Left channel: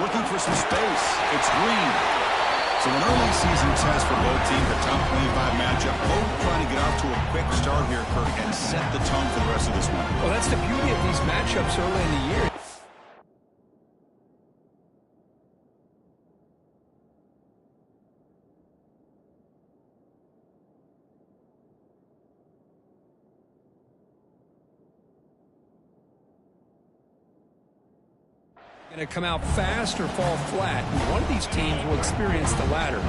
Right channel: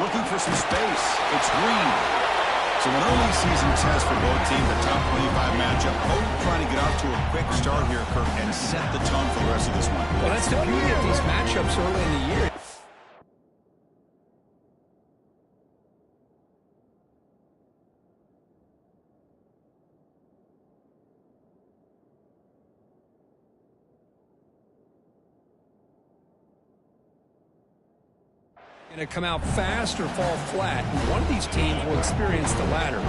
looking for some space. It's Green. So an early season test for both teams, a top 25 matchup. Both trying to get off to a quick start here, Kirk, and set the tone for the rest of this one. Well, that's the beauty of these matchups early in the year. Going to come out fast or fall flat. One of these teams will experience the latter.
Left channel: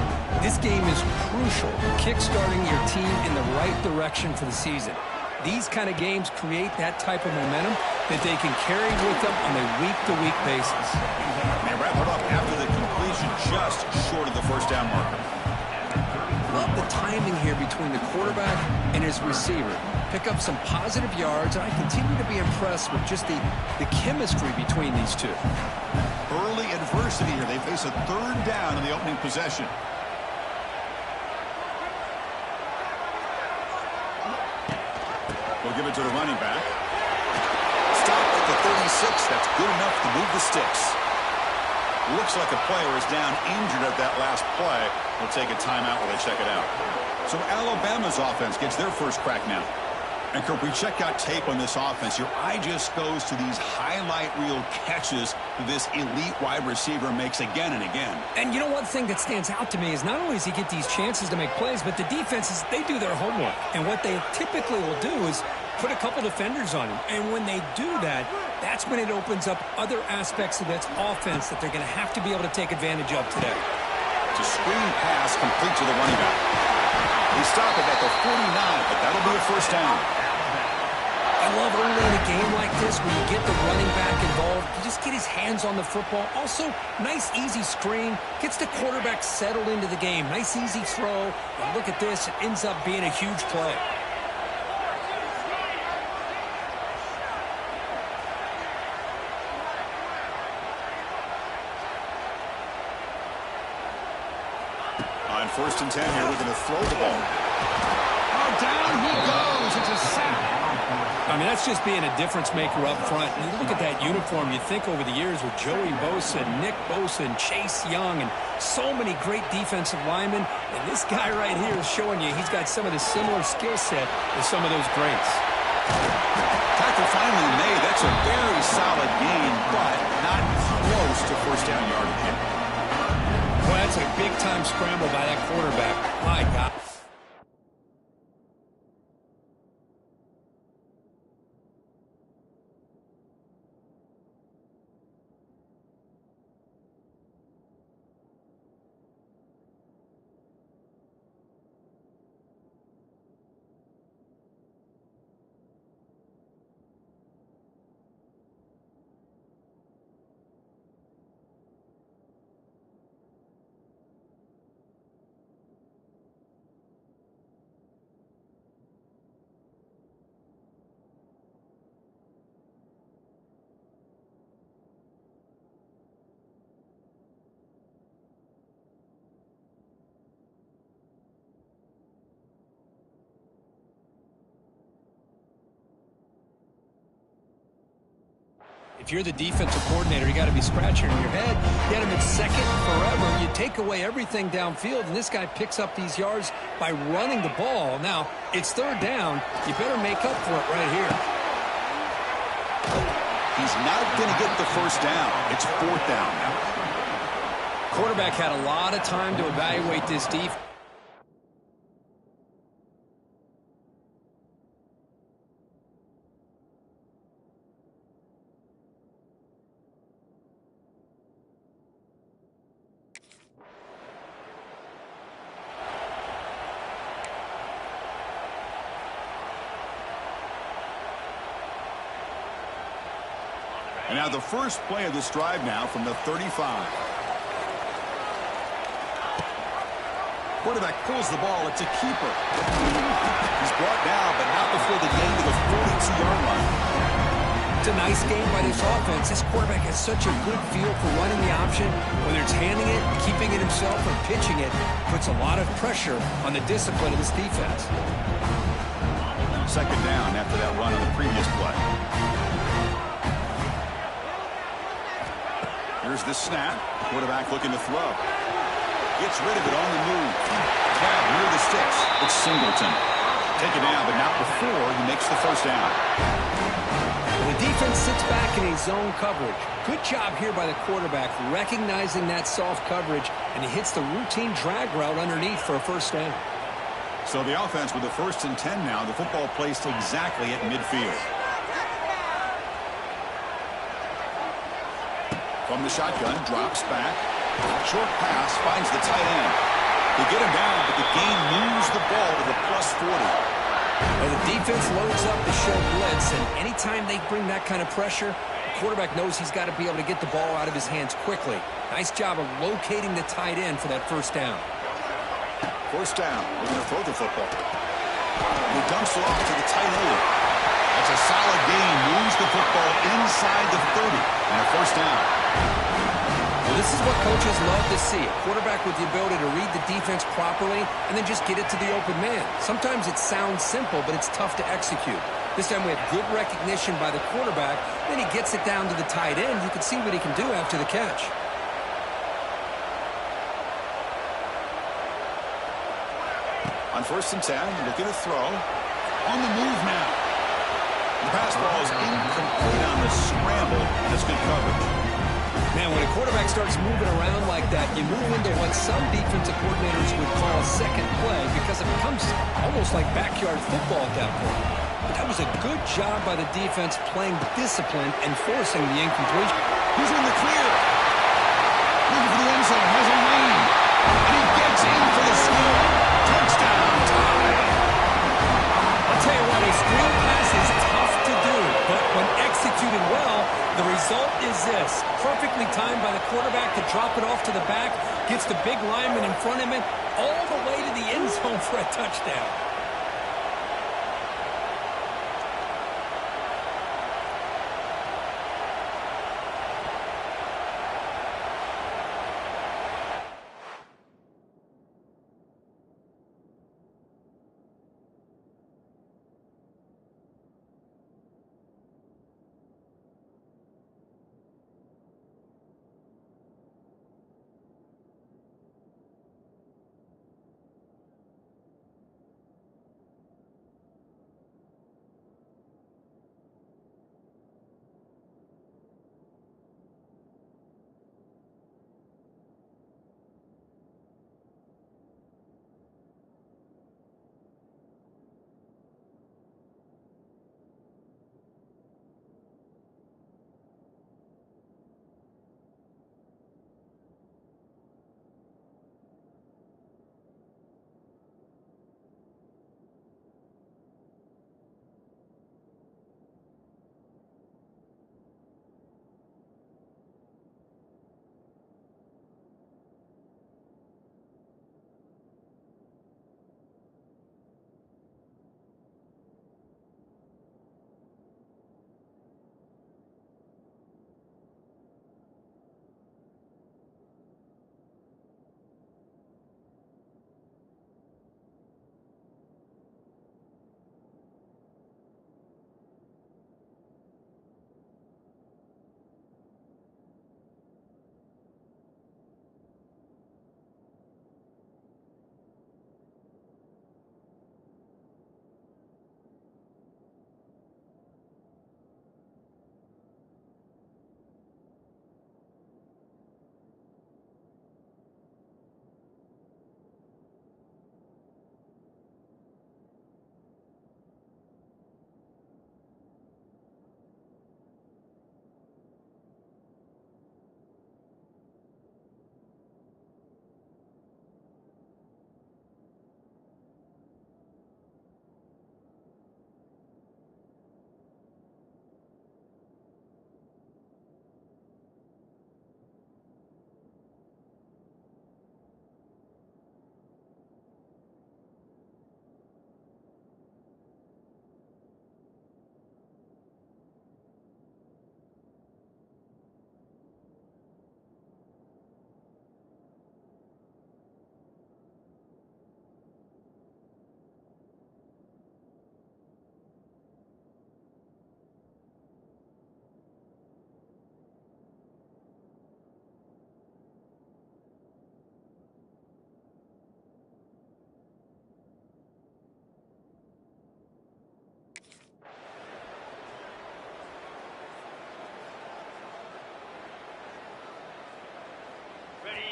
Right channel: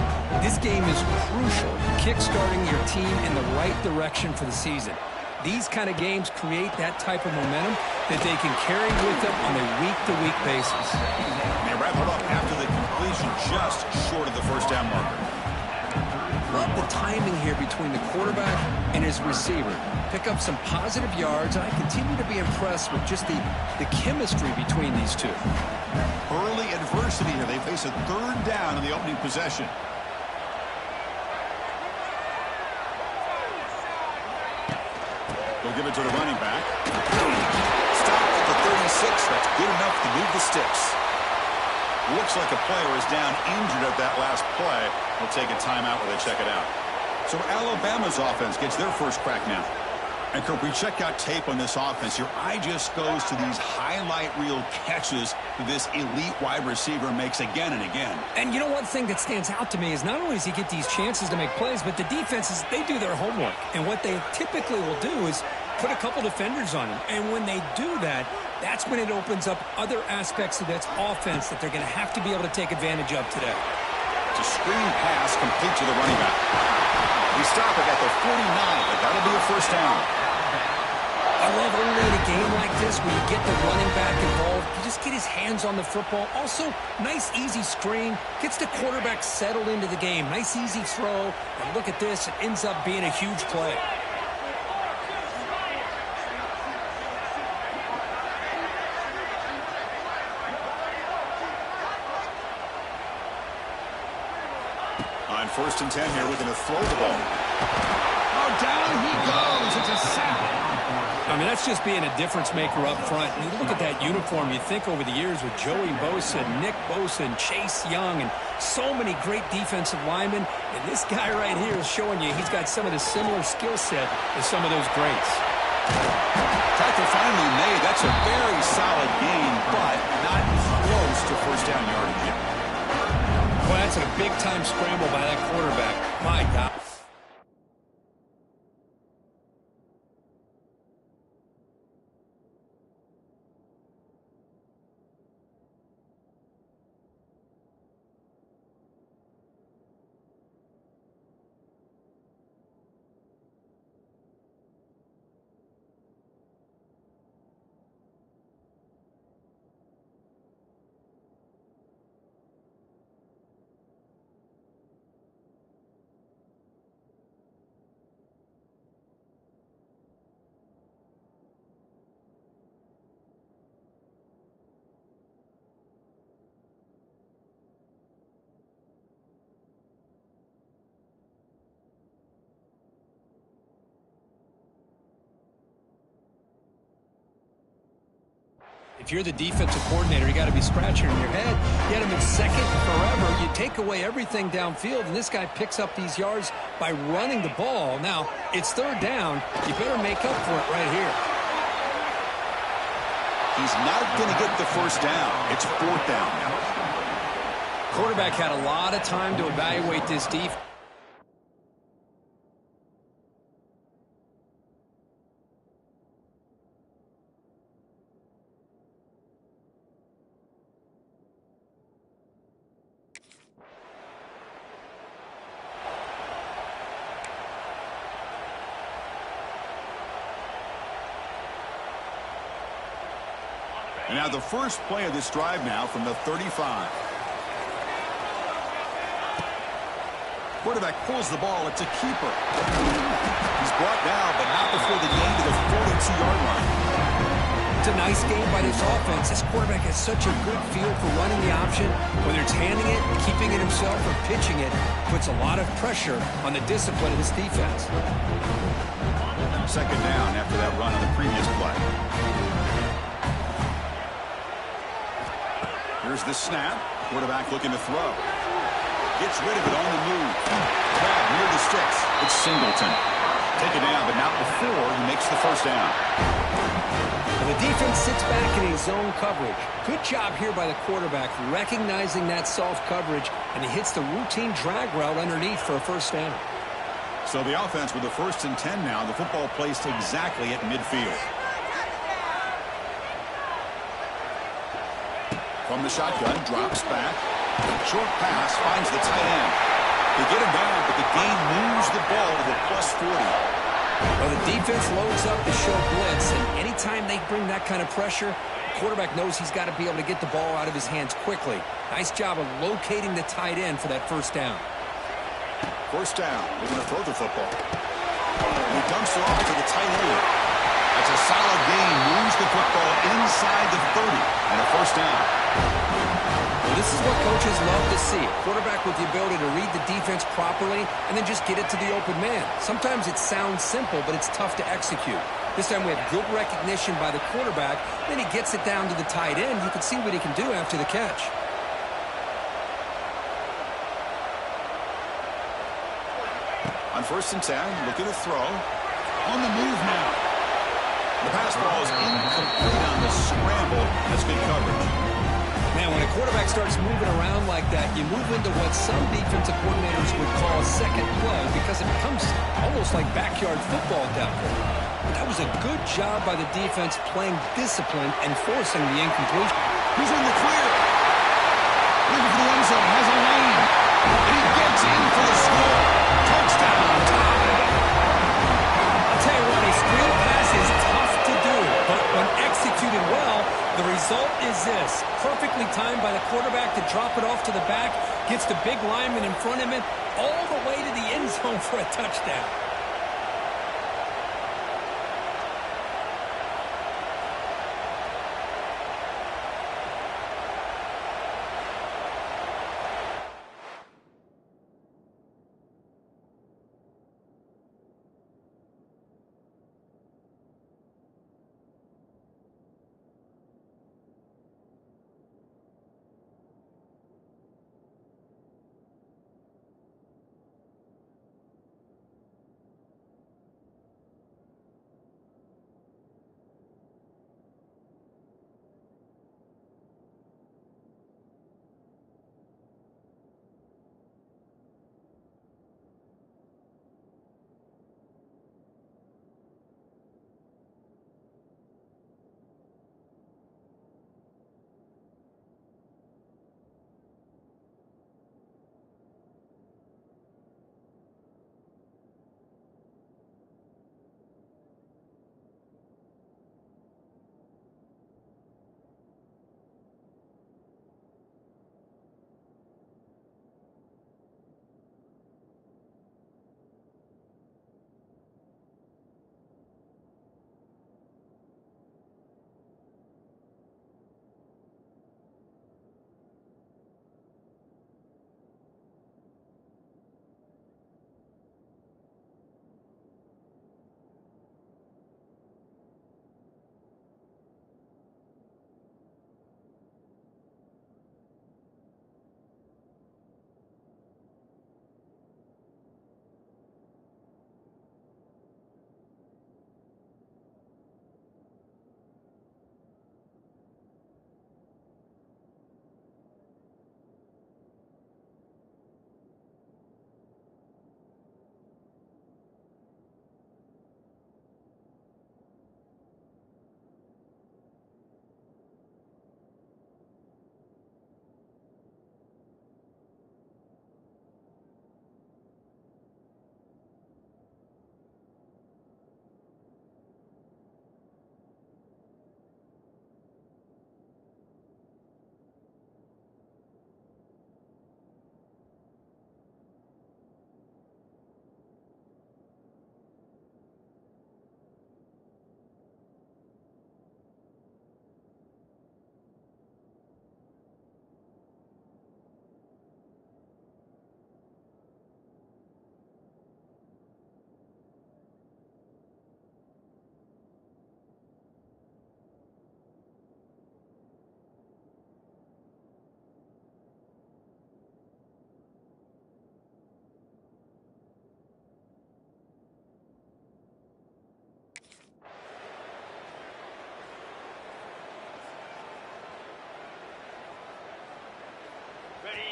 This game is crucial, kick-starting your team in the right direction for the season. These kind of games create that type of momentum that they can carry with them on a week-to-week basis. They wrap it up after the completion, just short of the first down marker. Love the timing here between the quarterback and his receiver. Pick up some positive yards, and I continue to be impressed with just the chemistry between these two. Early adversity here. They face a third down in the opening possession. They'll give it to the running back. Stop at the 36. That's good enough to move the sticks. Looks like a player is down injured at that last play. We'll take a timeout while they check it out. So Alabama's offense gets their first crack now. And Kirk, we check out tape on this offense. Your eye just goes to these highlight reel catches that this elite wide receiver makes again and again. And you know, one thing that stands out to me is not only does he get these chances to make plays, but the defenses, they do their homework. And what they typically will do is put a couple defenders on him. And when they do that, that's when it opens up other aspects of that offense that they're going to have to be able to take advantage of today. It's a screen pass complete to the running back. He stopped it at the 49, but that'll be a first down. I love early in a game like this when you get the running back involved. You just get his hands on the football. Also, nice, easy screen. Gets the quarterback settled into the game. Nice, easy throw. And look at this. It ends up being a huge play. On 1st and 10 here, we're going to throw the ball. Oh, down he goes. It's a sack. I mean, that's just being a difference maker up front. And you look at that uniform, you think over the years with Joey Bosa, Nick Bosa, and Chase Young, and so many great defensive linemen. And this guy right here is showing you he's got some of the similar skill set as some of those greats. Tackle finally made. That's a very solid gain, but not close to first down yardage yet. Well, that's a big-time scramble by that quarterback. My God. If you're the defensive coordinator, you got to be scratching in your head. You had him in second forever. You take away everything downfield, and this guy picks up these yards by running the ball. Now, it's third down. You better make up for it right here. He's not going to get the first down. It's fourth down now. Quarterback had a lot of time to evaluate this defense. And now the first play of this drive now from the 35. Quarterback pulls the ball. It's a keeper. He's brought down, but not before the gain to the 42-yard line. It's a nice game by this offense. This quarterback has such a good feel for running the option. Whether it's handing it, keeping it himself, or pitching it, puts a lot of pressure on the discipline of this defense. Second down after that run on the previous play. Here's the snap. Quarterback looking to throw. Gets rid of it on the move. Grab near the sticks. It's Singleton. Take it down, but not before he makes the first down. And the defense sits back in a zone coverage. Good job here by the quarterback recognizing that soft coverage, and he hits the routine drag route underneath for a first down. So the offense with the 1st and 10 now. The football placed exactly at midfield. From the shotgun, drops back. Short pass, finds the tight end. They get him down, but the game moves the ball to the +40. Well, the defense loads up to show blitz, and anytime they bring that kind of pressure, the quarterback knows he's got to be able to get the ball out of his hands quickly. Nice job of locating the tight end for that first down. First down, looking to throw the football. And he dumps it off to the tight end. That's a solid gain, moves the football inside the 30, and a first down. Well, this is what coaches love to see. A quarterback with the ability to read the defense properly and then just get it to the open man. Sometimes it sounds simple, but it's tough to execute. This time we have good recognition by the quarterback. Then he gets it down to the tight end. You can see what he can do after the catch. On 1st and 10, looking to throw. On the move now. The pass ball is incomplete on the scramble. That's good coverage. Man, when a quarterback starts moving around like that, you move into what some defensive coordinators would call a second play because it becomes almost like backyard football at that point. But that was a good job by the defense playing discipline and forcing the incompletion. He's in the clear. Looking for the end zone, has a lane. And he gets in for the score. Touchdown, tie. I'll tell you what, a screen pass is tough to do, but when executed well, the result is this. Perfectly timed by the quarterback to drop it off to the back, gets the big lineman in front of him, all the way to the end zone for a touchdown.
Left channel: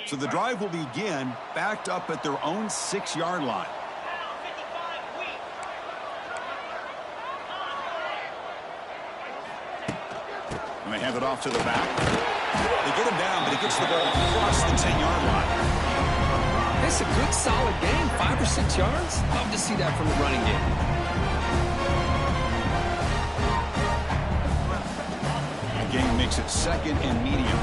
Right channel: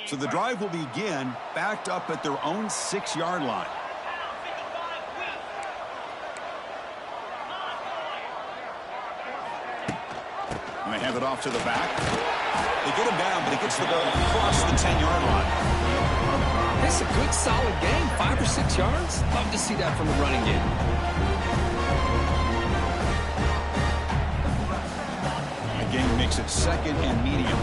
So the drive will begin backed up at their own 6-yard line. And they hand it off to the back. They get him down, but he gets the ball across the 10-yard line. It's a good, solid game, 5 or 6 yards. Love to see that from the running game. The game makes it 2nd and medium.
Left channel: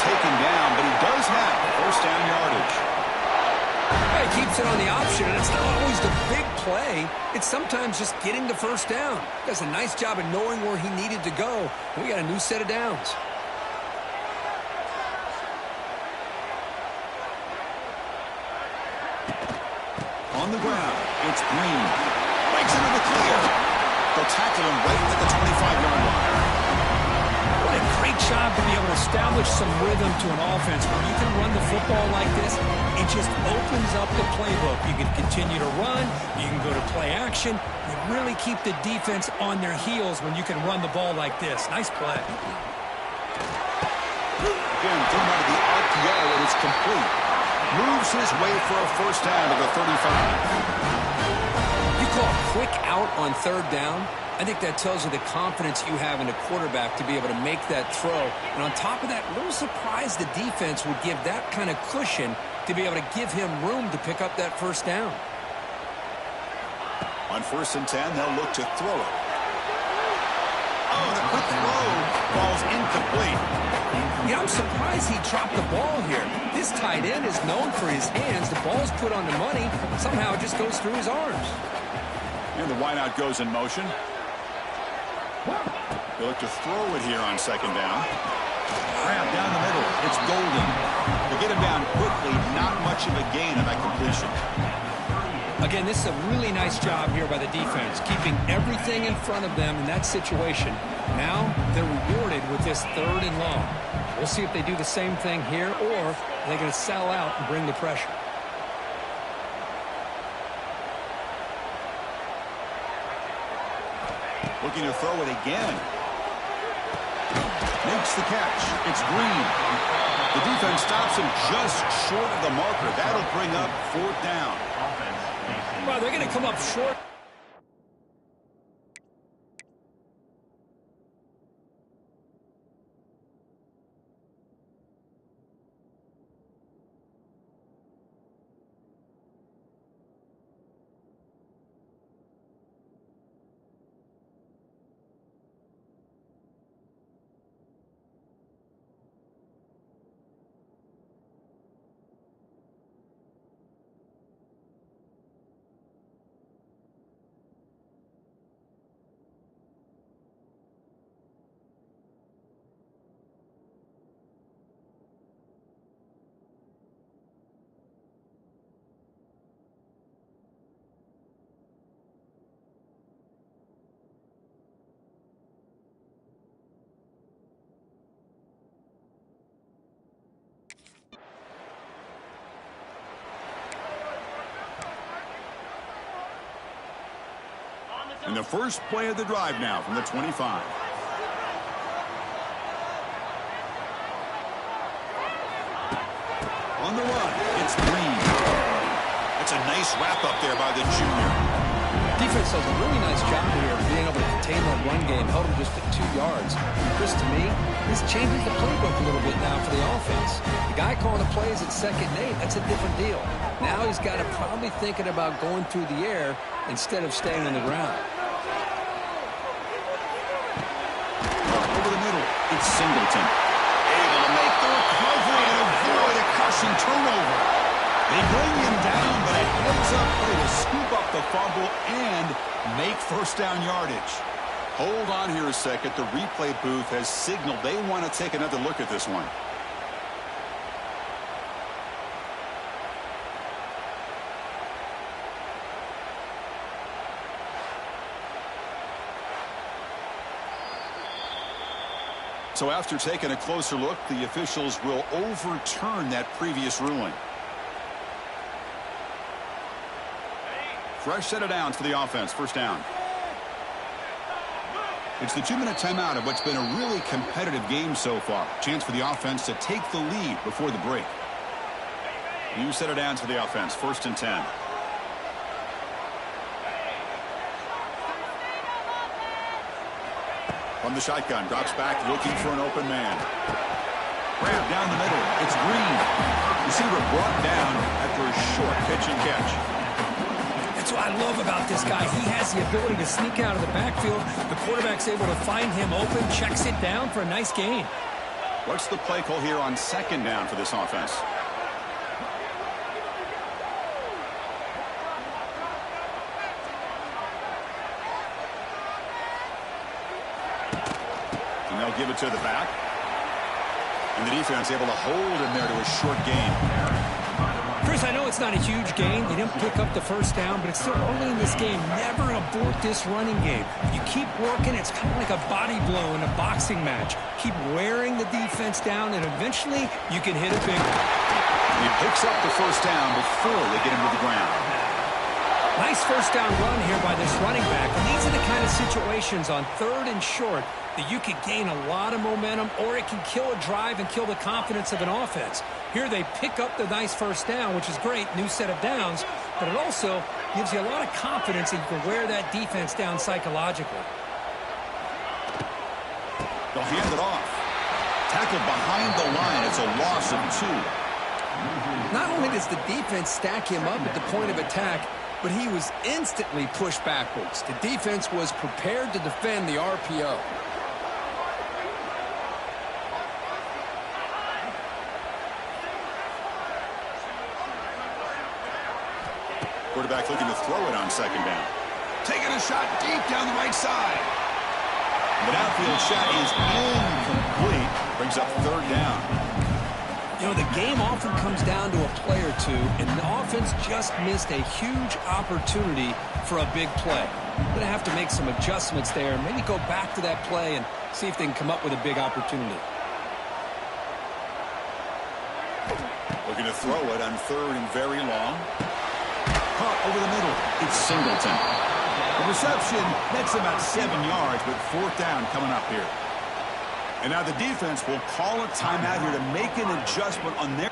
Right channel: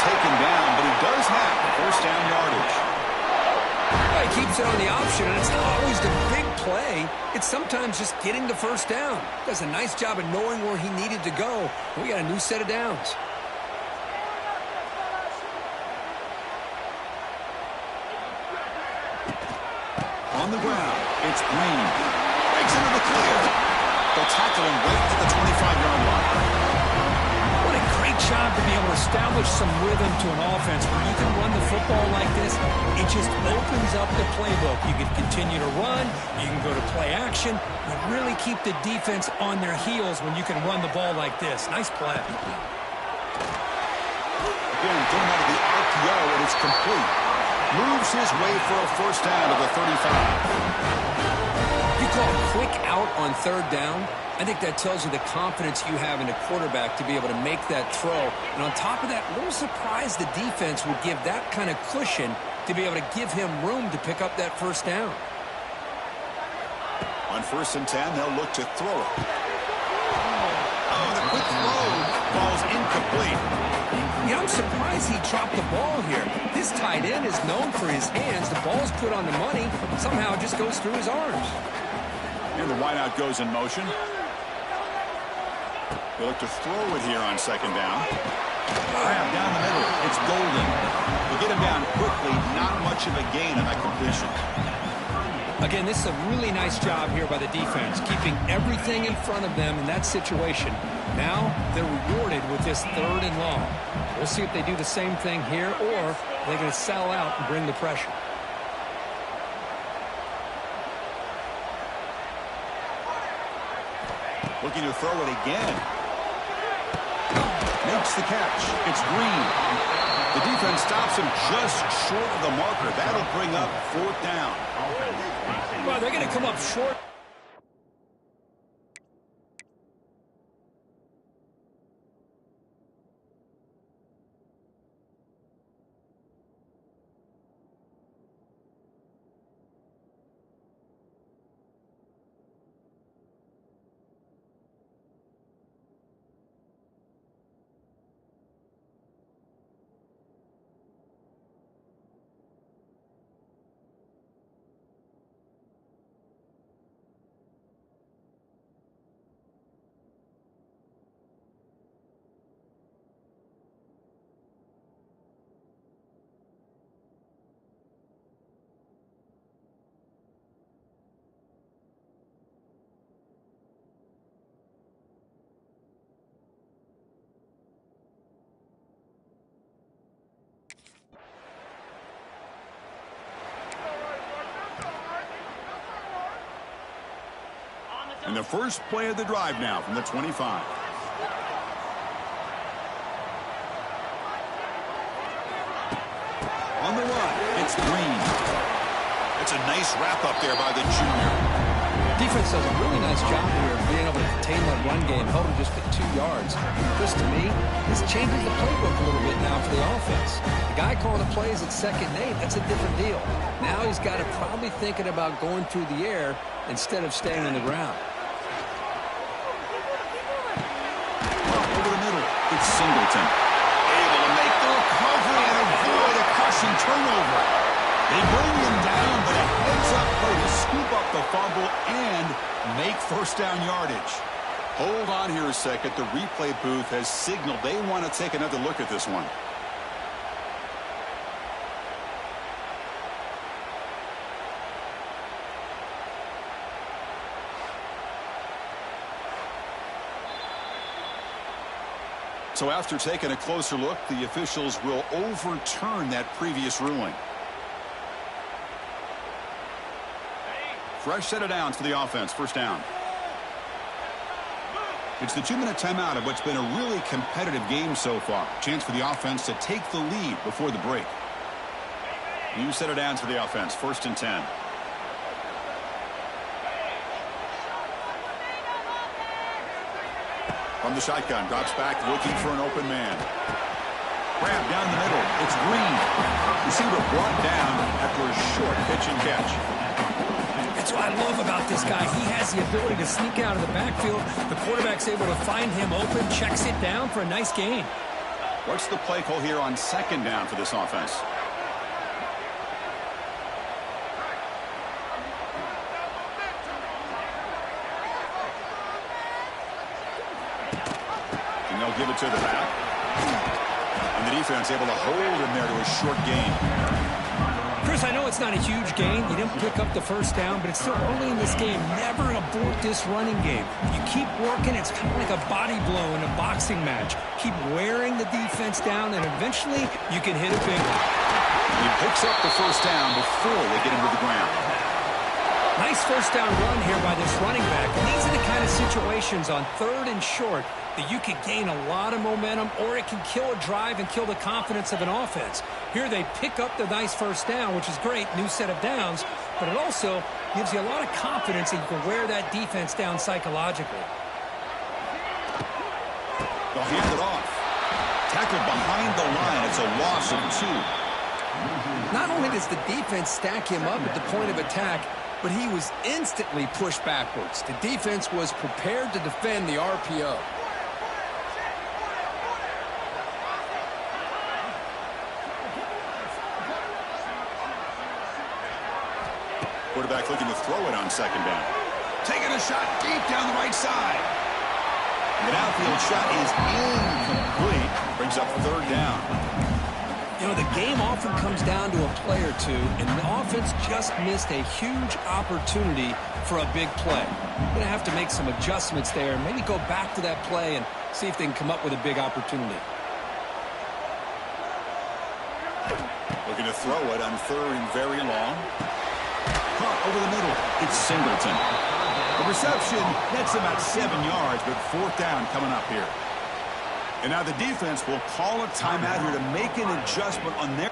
Taken down, but he does have first down yardage. Well, he keeps it on the option, and it's not always the big play. It's sometimes just getting the first down. He does a nice job of knowing where he needed to go. We got a new set of downs. On the ground, it's Green. Breaks into the clear. They'll tackle him right at the 25-yard line. What a great job to be able to establish some rhythm to an offense where you can run the football like this. It just opens up the playbook. You can continue to run. You can go to play action. You really keep the defense on their heels when you can run the ball like this. Nice play. Again, thrown out of the RPO, and it's complete. Moves his way for a first down to the 35. You call a quick out on 3rd down? I think that tells you the confidence you have in a quarterback to be able to make that throw. And on top of that, a little surprised the defense would give that kind of cushion to be able to give him room to pick up that first down. On 1st and 10, they'll look to throw it. Oh, the quick throw falls incomplete. Yeah, I'm surprised he dropped the ball here. This tight end is known for his hands. The ball's put on the money. Somehow it just goes through his arms. And the wideout goes in motion. They look to throw it here on 2nd down. Grab down the middle. It's Golden. They get him down quickly. Not much of a gain on that completion. Again, this is a really nice job here by the defense, keeping everything in front of them in that situation. Now they're rewarded with this 3rd and long. We'll see if they do the same thing here, or they're going to sell out and bring the pressure. Looking to throw it again. Makes the catch. It's Green. The defense stops him just short of the marker. That'll bring up 4th down. Well, they're going to come up short. And the first play of the drive now from the 25. On the run, it's Green. That's a nice wrap-up there by the junior. Defense does a really nice job here of being able to contain that run game, held him just at 2 yards. Chris, to me, this changes the playbook a little bit now for the offense. The guy calling the plays at 2nd and 8, that's a different deal. Now he's got to probably thinking about going through the air instead of staying on the ground. Over the middle, it's Singleton. Able to make the recovery and avoid a crushing turnover. They bring him down, but a heads-up play to scoop up the fumble and make first down yardage. Hold on here a second. The replay booth has signaled they want to take another look at this one. So after taking a closer look, the officials will overturn that previous ruling. Fresh set of downs for the offense. First down. It's the 2-minute timeout of what's been a really competitive game so far. Chance for the offense to take the lead before the break. New set of downs for the offense. First and 10. From the shotgun, drops back, looking for an open man. Grab down the middle. It's Green. Receiver brought down after a short pitch and catch. That's what I love about this guy. He has the ability to sneak out of the backfield. The quarterback's able to find him open, checks it down for a nice gain. What's the play call here on second down for this offense? And they'll give it to the back. And the defense able to hold him there to a short gain. Chris, I know it's not a huge gain. You didn't pick up the first down, but it's still early in this game. Never abort this running game. You keep working. It's kind of like a body blow in a boxing match. Keep wearing the defense down, and eventually you can hit a big one. He picks up the first down before they get him to the ground. Nice first down run here by this running back. And these are the kind of situations on third and short that you can gain a lot of momentum, or it can kill a drive and kill the confidence of an offense. Here they pick up the nice first down, which is great, new set of downs, but it also gives you a lot of confidence that you can wear that defense down psychologically. They'll hand it off. Tackled behind the line. It's a loss of 2. Not only does the defense stack him up at the point of attack, but he was instantly pushed backwards. The defense was prepared to defend the RPO. Quarterback looking to throw it on second down. Taking a shot deep down the right side. The downfield shot is incomplete. Brings up third down. You know, the game often comes down to a play or two, and the offense just missed a huge opportunity for a big play. Going to have to make some adjustments there, maybe go back to that play and see if they can come up with a big opportunity. Looking to throw it on third and very long. Caught over the middle. It's Singleton. The reception, that's about 7 yards, but fourth down coming up here. And now the defense will call a timeout here to make an adjustment on their...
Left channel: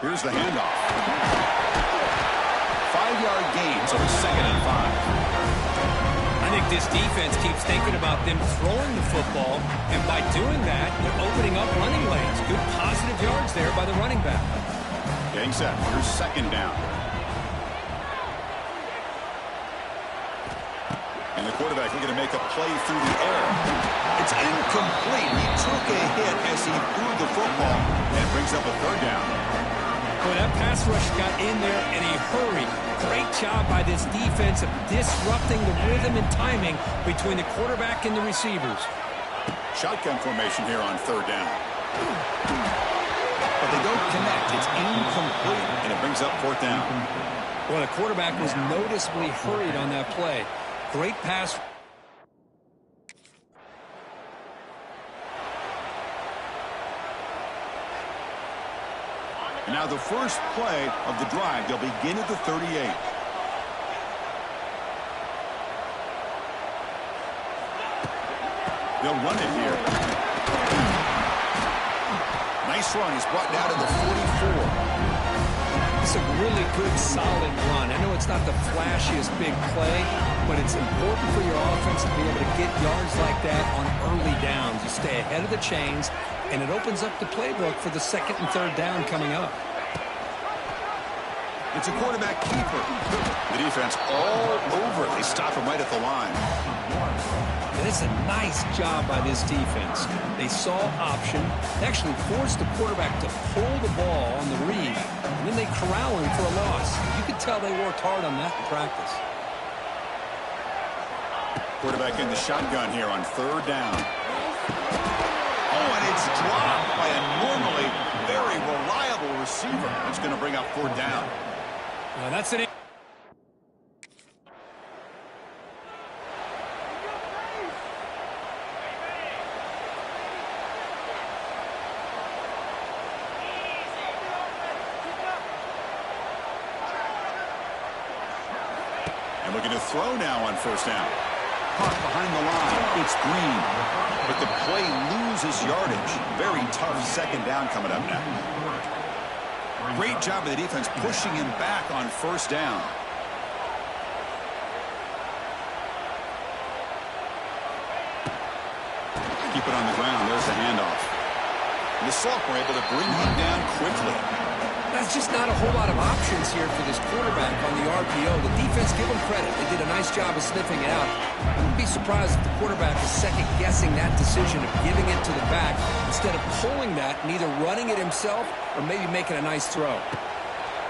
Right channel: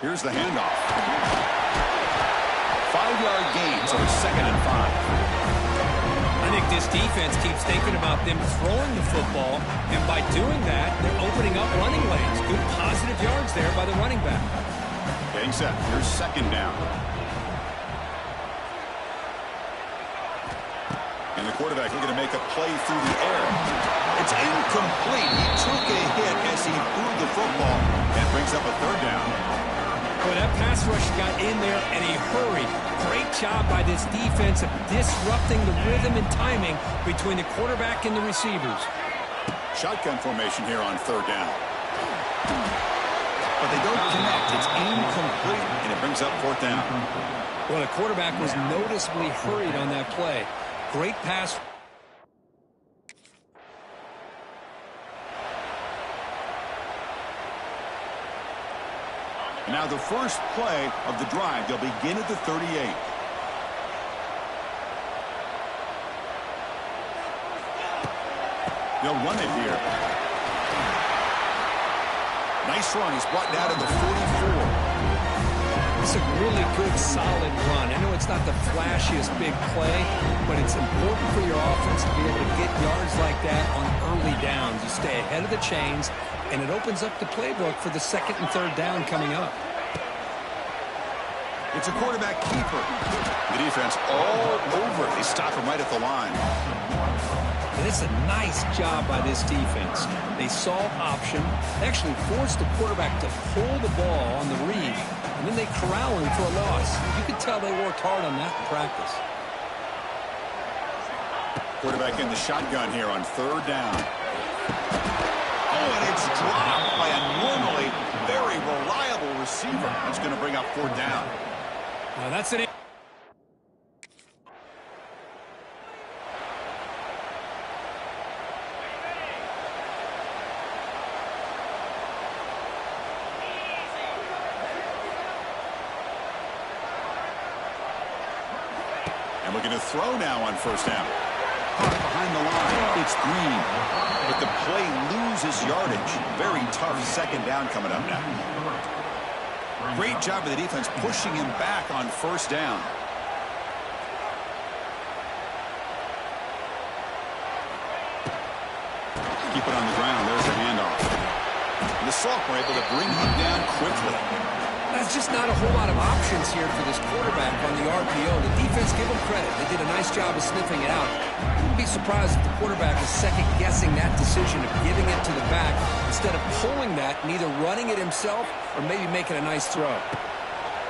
Here's the handoff. 5-yard gain, so it's 2nd and 5. I think this defense keeps thinking about them throwing the football, and by doing that, they're opening up running lanes. Good positive yards there by the running back. Getting set. Here's 2nd down. And the quarterback looking to make a play through the air. It's incomplete. He took a hit as he threw the football, and it brings up a 3rd down. Boy, that pass rush got in there in a hurry. Great job by this defense of disrupting the rhythm and timing between the quarterback and the receivers. Shotgun formation here on 3rd down. But they don't connect. It's incomplete, and it brings up 4th down. Well, the quarterback was noticeably hurried on that play. Great pass. And now the first play of the drive. They'll begin at the 38. They'll run it here. Nice run. He's brought down to the 44. It's a really good, solid run. I know it's not the flashiest big play, but it's important for your offense to be able to get yards like that on early downs. You stay ahead of the chains, and it opens up the playbook for the 2nd and 3rd down coming up. It's a quarterback keeper. The defense all over it. They stop him right at the line. And it's a nice job by this defense. They saw option. They actually forced the quarterback to pull the ball on the read, and then they corral him for a loss. You could tell they worked hard on that in practice. Quarterback in the shotgun here on 3rd down. Oh, and it's dropped by a normally very reliable receiver. That's going to bring up 4th down. Now that's an... And looking to throw now on 1st down. Caught behind the line. It's Green. But the play loses yardage. Very tough 2nd down coming up now. Great job of the defense pushing him back on 1st down. Keep it on the ground. There's the handoff. And the Salk were able to bring him down quickly. That's just not a whole lot of options here for this quarterback on the RPO. The defense, give them credit. They did a nice job of sniffing it out. I wouldn't be surprised if the quarterback is second-guessing that decision of giving it to the back instead of pulling that and either running it himself or maybe making a nice throw.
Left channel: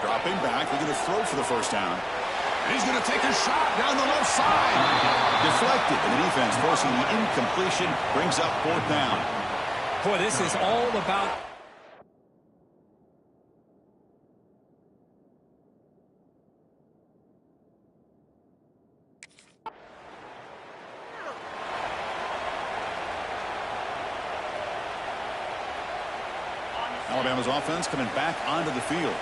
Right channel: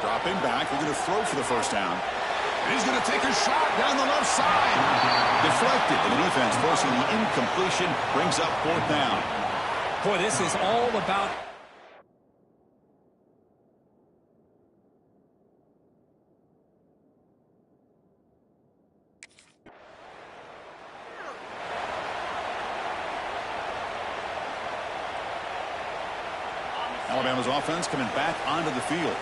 Dropping back, looking to throw for the 1st down. And he's going to take a shot down the left side. Deflected, and the defense forcing the incompletion brings up 4th down. Boy, this is all about... Alabama's offense coming back onto the field.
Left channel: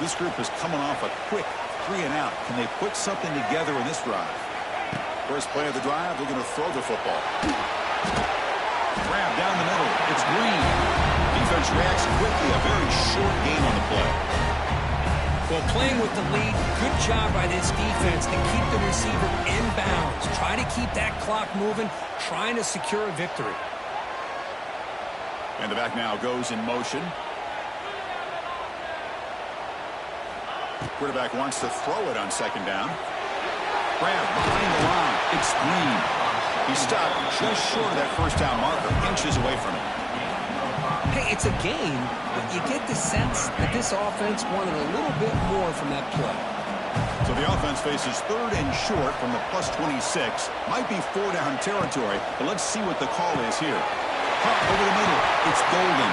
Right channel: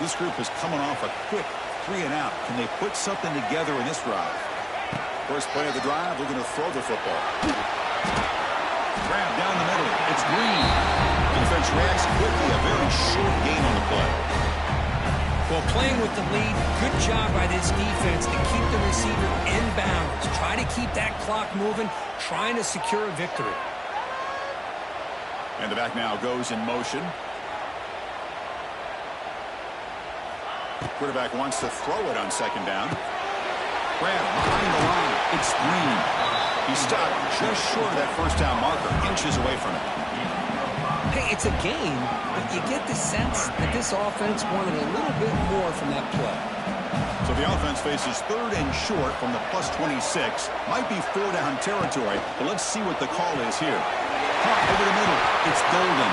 This group is coming off a quick 3-and-out. Can they put something together in this drive? First play of the drive, looking to throw the football. Grab down the middle. It's Green. Defense reacts quickly. A very short gain on the play. Well, playing with the lead, good job by this defense to keep the receiver in bounds. Try to keep that clock moving, trying to secure a victory. And the back now goes in motion. Quarterback wants to throw it on 2nd down. Grab behind the line. It's Green. He stopped just short of that 1st down marker, inches away from it. Hey, it's a game, but you get the sense that this offense wanted a little bit more from that play. So the offense faces 3rd and short from the +26. Might be 4-down territory, but let's see what the call is here. Caught over the middle. It's Golden.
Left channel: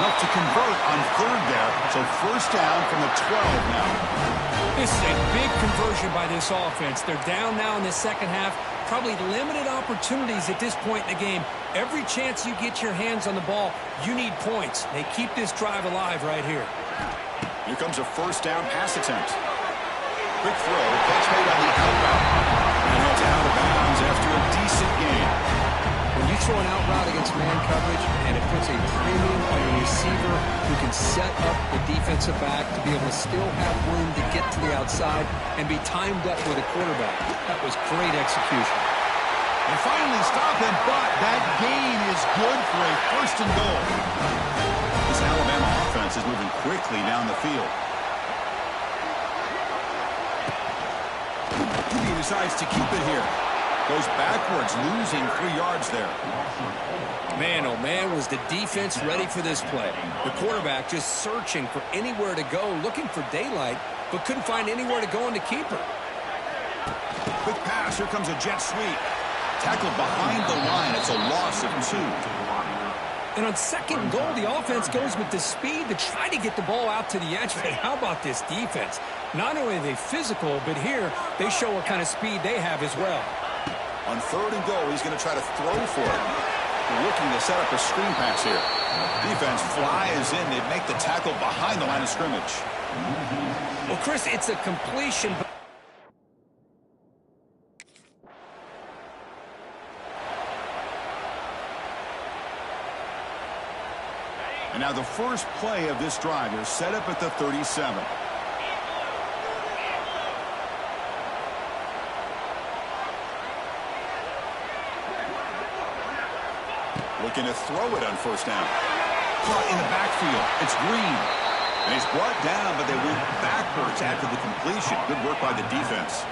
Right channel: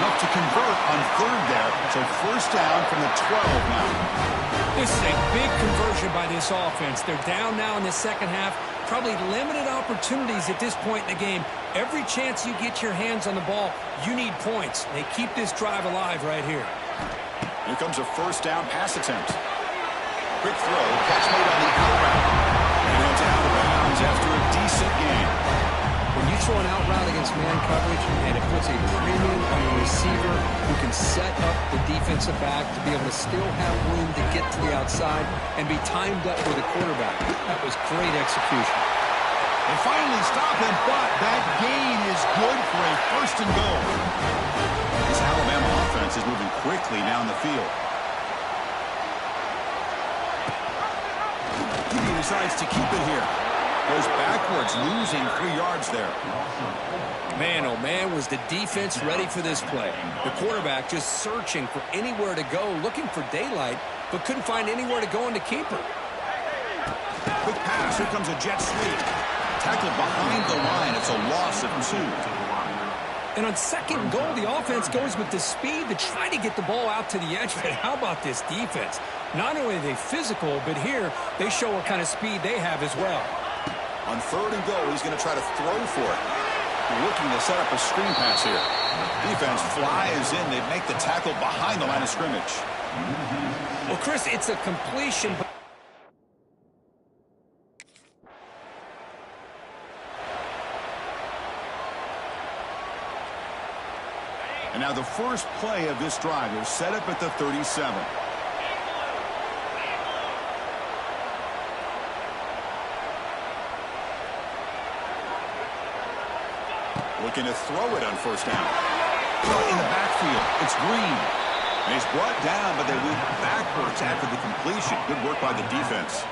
Enough to convert on 3rd there. So 1st down from the 12 now. This is a big conversion by this offense. They're down now in the 2nd half. Probably limited opportunities at this point in the game. Every chance you get your hands on the ball, you need points. They keep this drive alive right here. Here comes a 1st down pass attempt. Quick throw. Catch made on the out route. And it's out of bounds after a decent gain. When you throw an out route against man coverage, and it puts a premium on your receiver who can set up the defensive back to be able to still have room to get to the outside and be timed up with a quarterback. That was great execution. They finally stop him, but that gain is good for a first and goal. This Alabama offense is moving quickly down the field. He decides to keep it here. Goes backwards, losing 3 yards there. Man, oh man, was the defense ready for this play. The quarterback just searching for anywhere to go, looking for daylight, but couldn't find anywhere to go in the keeper. Quick pass, here comes a jet sweep. Tackled behind the line, it's a loss of 2. And on second and goal, the offense goes with the speed to try to get the ball out to the edge. But how about this defense? Not only are they physical, but here they show what kind of speed they have as well. On third and goal, he's going to try to throw for it. Looking to set up a screen pass here. Defense flies in. They make the tackle behind the line of scrimmage. Well, Chris, it's a completion. And now the first play of this drive is set up at the 37. Looking to throw it on first down. Caught in the backfield. It's Green. And he's brought down, but they went backwards after the completion. Good work by the defense.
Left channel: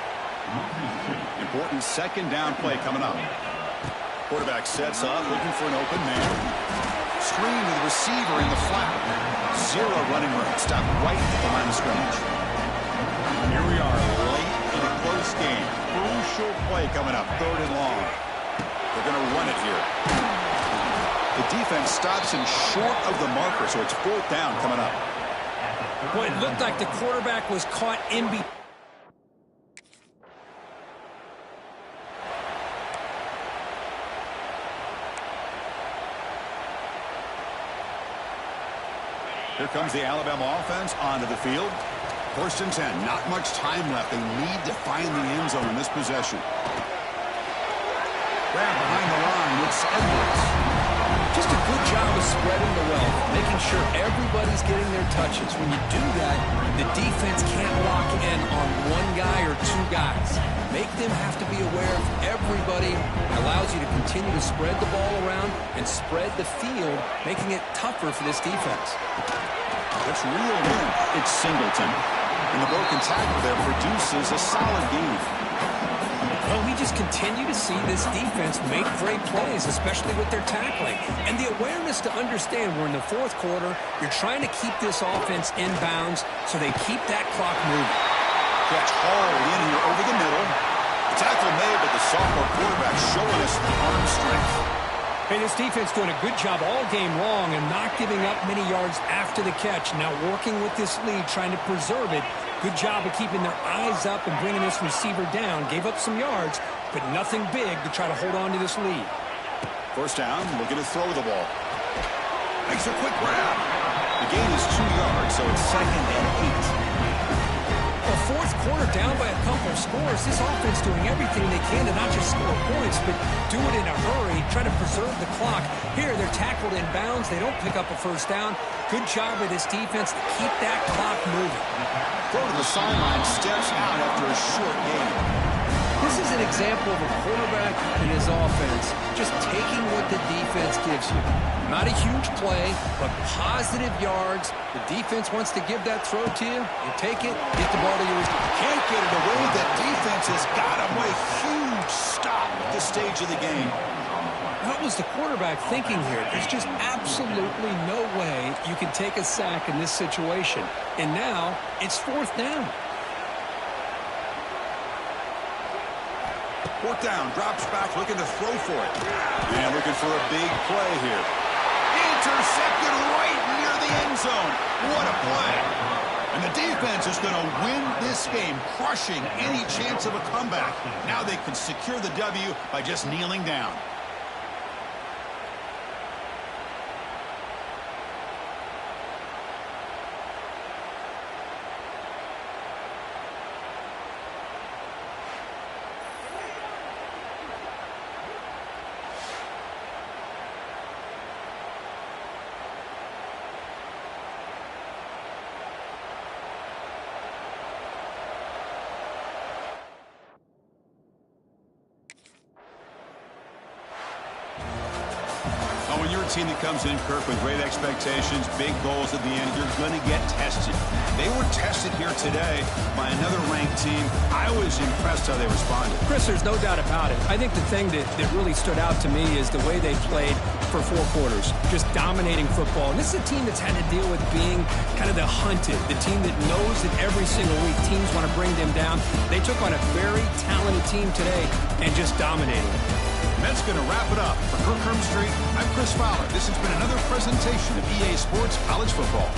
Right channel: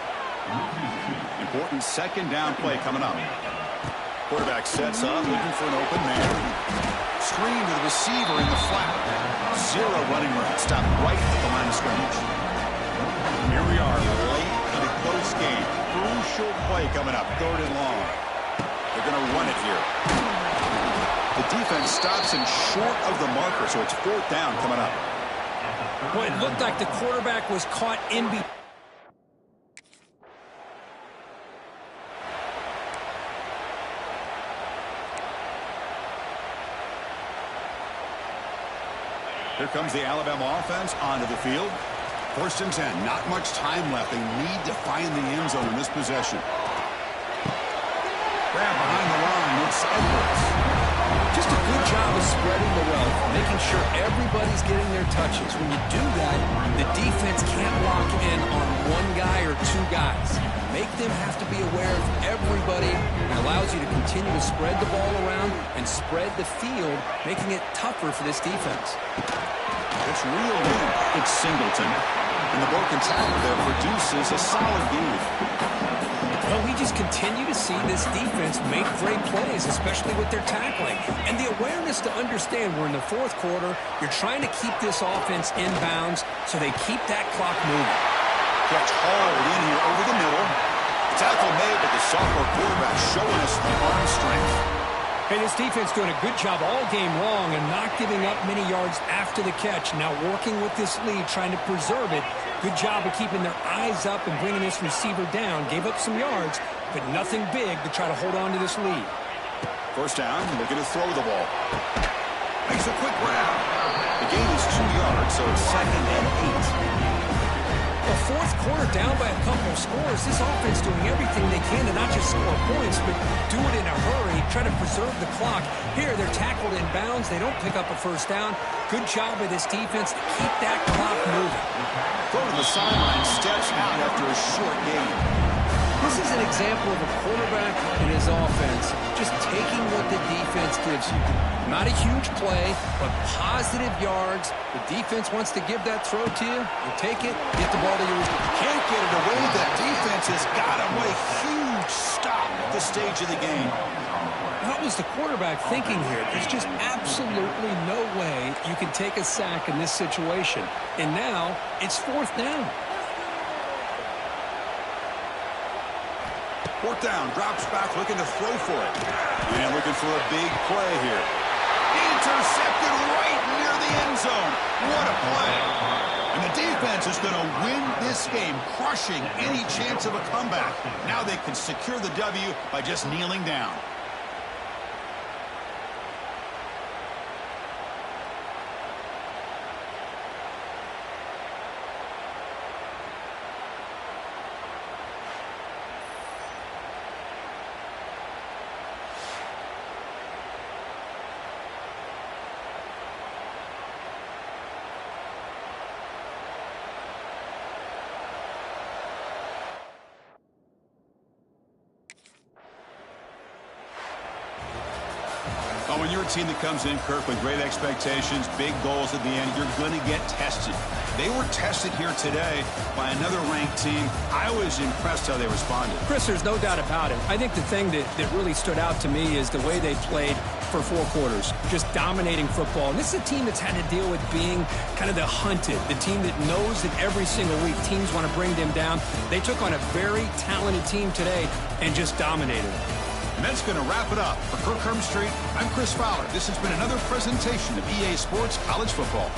Important second down play coming up. Quarterback sets up, looking for an open man. Screen to the receiver in the flat. Zero running room. Stopped right at the line of scrimmage. Here we are, late in a close game. Crucial play coming up, third and long. They're going to run it here. The defense stops him short of the marker, so it's fourth down coming up. Boy, it looked like the quarterback was caught in between. Here comes the Alabama offense onto the field. First and 10, not much time left. They need to find the end zone in this possession. Grab behind the line, it's Edwards. Just a good job of spreading the wealth, making sure everybody's getting their touches. When you do that, the defense can't lock in on one guy or two guys. Make them have to be aware of everybody. It allows you to continue to spread the ball around and spread the field, making it tougher for this defense. It's reeled in. It's Singleton. And the broken tackle there produces a solid gain. Well, we just continue to see this defense make great plays, especially with their tackling. And the awareness to understand we're in the fourth quarter, you're trying to keep this offense in bounds so they keep that clock moving. Catch hauled in here over the middle. The tackle made, but the sophomore quarterback showing us the arm strength. Hey, this defense doing a good job all game long and not giving up many yards after the catch. Now working with this lead, trying to preserve it. Good job of keeping their eyes up and bringing this receiver down. Gave up some yards, but nothing big to try to hold on to this lead. First down, looking to throw the ball. Makes a quick grab. The gain is 2 yards, so it's 2nd and 8. Well, fourth quarter down by a couple of scores. This offense doing everything they can to not just score points, but do it in a hurry, try to preserve the clock. Here, they're tackled in bounds. They don't pick up a first down. Good job of this defense to keep that clock moving. Throw to the sideline, steps out after a short gain. This is an example of a quarterback and his offense just taking what the defense gives you. Not a huge play, but positive yards. The defense wants to give that throw to you. You take it, get the ball to your receiver. Can't get it away. That defense has got him. What a huge stop at this stage of the game. What was the quarterback thinking here? There's just absolutely no way you can take a sack in this situation. And now it's fourth down. Fourth down, drops back, looking to throw for it. And looking for a big play here. Intercepted right near the end zone. What a play. And the defense is going to win this game, crushing any chance of a comeback. Now they can secure the W by just kneeling down. Well, when you're a team that comes in, Kirk, with great expectations, big goals at the end, you're going to get tested. They were tested here today by another ranked team. I was impressed how they responded. Chris, there's no doubt about it. I think the thing that really stood out to me is the way they played for 4 quarters, just dominating football. And this is a team that's had to deal with being kind of the hunted, the team that knows that every single week teams want to bring them down. They took on a very talented team today and just dominated them. And that's going to wrap it up. For Kirk Street, I'm Chris Fowler. This has been another presentation of EA Sports College Football.